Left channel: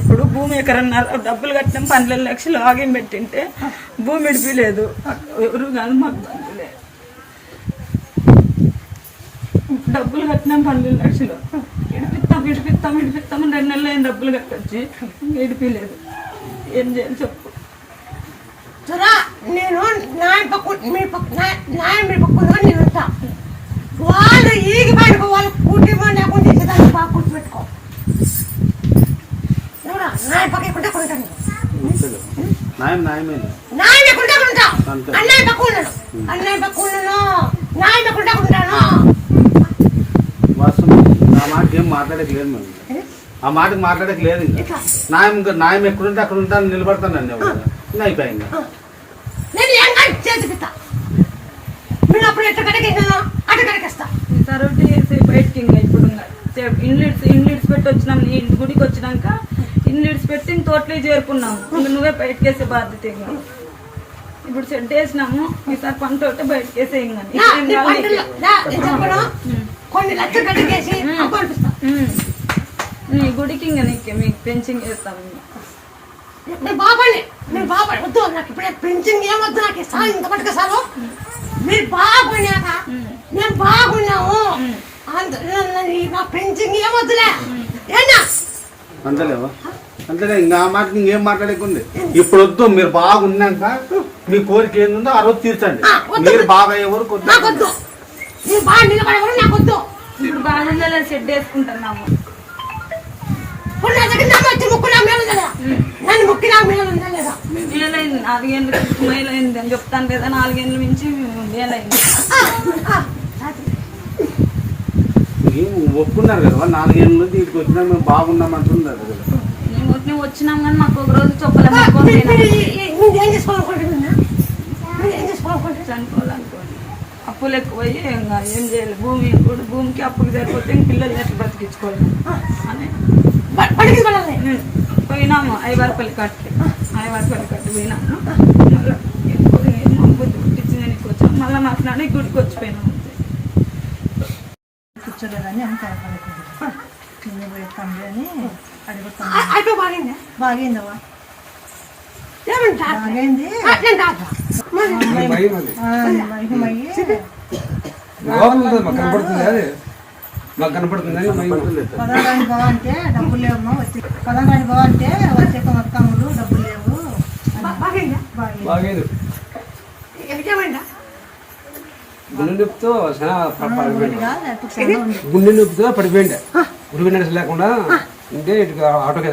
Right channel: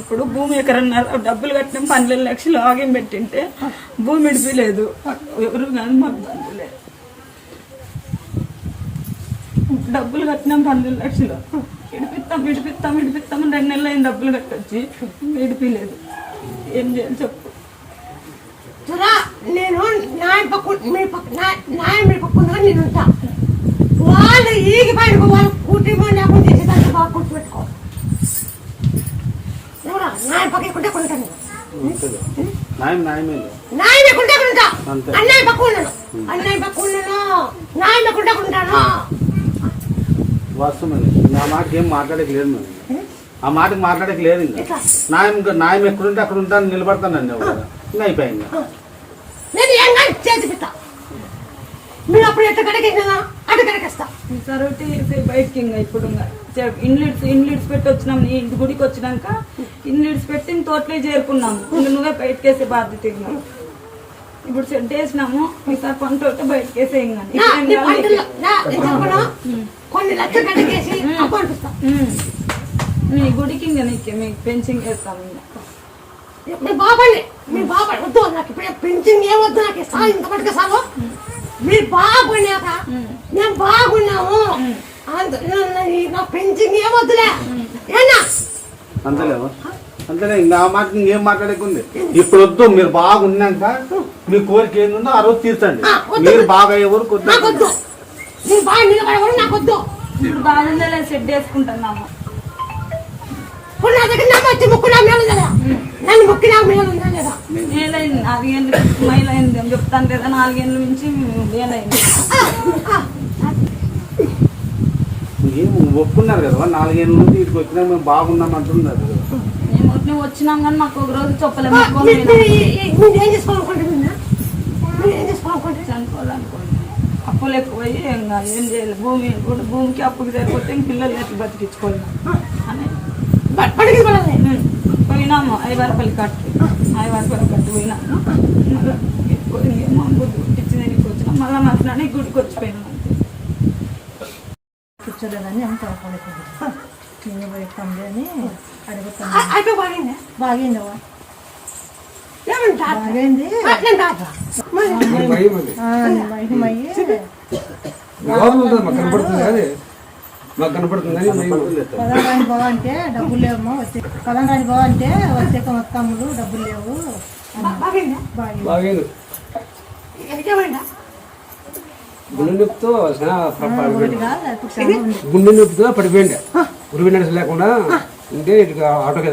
ఇప్పుడు భూమి ఎకరన్నర డబ్బులు కట్టినాం 12 లక్షలు ఆగిం పెట్టింటే భూమి ఇడిపిలేదు ఎవరు కానీ మాకు బంధులే డబ్బులు కట్టినాం 12 లక్షలు ఇడిపిస్తాం 2 నెలలు అయిన డబ్బులు కట్టొచ్చి ఇడిపిలేదు ఏం చేయాలి చెప్పు నేను మీ పక్కన నేను ఉంటా వాళ్ళు ఈగి బయటకు వాళ్ళు కుటుంబం లేకుండా తెచ్చేదాన్ని బాగా కూర్చోబెట్టుకో ఎవరా నాయ పక్కకుంటే కొంటాను నాయన కుంటా కొంటా అన్నయ్య పక్క ఉన్నాను నాయన కుంటా కొంటాను ఆ మాటకి ఏం మాట్లాడలేదు మేము ఆ మాటకి మాట్లాడలేదు ఇంకా నాయం ఎక్కడుంటే అక్కడ ఉంటాను నిలబడతానండి ఇంకా అయిపోయింది నేను ఏం చేసి పెడతా మీరు అప్పుడు ఎట్ట కడకేసినా అటు కడకేస్తా సరోటి బయటకి ఇప్పుడు ఇండ్లీడ్స్ పెట్టి వచ్చినాం ఈ గుడికి వచ్చినాక ఇండ్లీడ్స్ పెట్టి తోటలో చేరుకున్నాము నువ్వే బయటకేసే బాధ్యత ఇప్పుడు సెట్ వేసినాము ఈసారి పంట ఒకటి బయటకేసే కొన్ని లక్షలు కడకేసి నీ గుడికి ఇంకా నీకు మీకు పెన్షన్ చేస్తాము మీ బాబాయ్ వద్దు నాకు ఇప్పుడే పెన్షన్ ఏమొద్దు నాకు సార్ ఇంత పట్టుకు సారు మీరు బాగున్నాక మేము బాగున్నాము నా పెన్షన్ ఏమొద్దులే అంతలేవు అంతలే ఇంకా ఆ మాటకి ఇంకేం మాట్లాడకుంది ఇప్పుడు వద్దు మీరు బాగున్నాక మీ కోరిక ఏందో ఆ రోజు తీర్చండి మీరు బాగా ఎవరు నాకొద్దు మీరు బాగా నిలబడేవారు నాకొద్దు ఇప్పుడు బాగా సెట్ వేసుకుంటున్నాము నన్ను ముక్కినా మేలుందా లేదా మేలైంది 4 ఏళ్ళు మేలైంది అని చెప్తాను కదా 4 ఏళ్ళ నుంచి మేలైంది ఒప్పుకున్నారు కదా 4 ఏళ్ళ నుంచి ఇక్కడికి వచ్చినా మేము బాగున్నాం అంటున్నారు కదా మేము వచ్చినాం కానీ మాకు ఒక రోజు చెప్పలేము ఏం చేసుకోవాలనుకుంటున్నా చనిపోవాలనుకోండి అప్పులు ఎక్కువయ్యి ఇంకా ఏం చేయాలి భూమికి అప్పుకి సరిపోతే పిల్లలు ఎట్లా బతికించుకోవాలి అని పోయినాము ఐవారపల్లి కట్టి పోయినాము మళ్ళీ మా బుద్ధి పుట్టించిందని వచ్చాము మళ్ళీ మాట్లాడి గుడికి వచ్చిపోయినాము కూర్చోలేదని అంత నేను పోయిస్తాంలే అని అడుగుతాను బాగిందవా బాగైంది పదారాని బావ అంటే డబ్బులు లేవమ్మా పదారాని బావ అంటే వచ్చే మొత్తములు డబ్బులు లేవు గుండె నొప్పితో గుండె నొప్పితో పడిపోయింది ఉరివి నడిచి లేకుండా ఉంటే ఆటోకి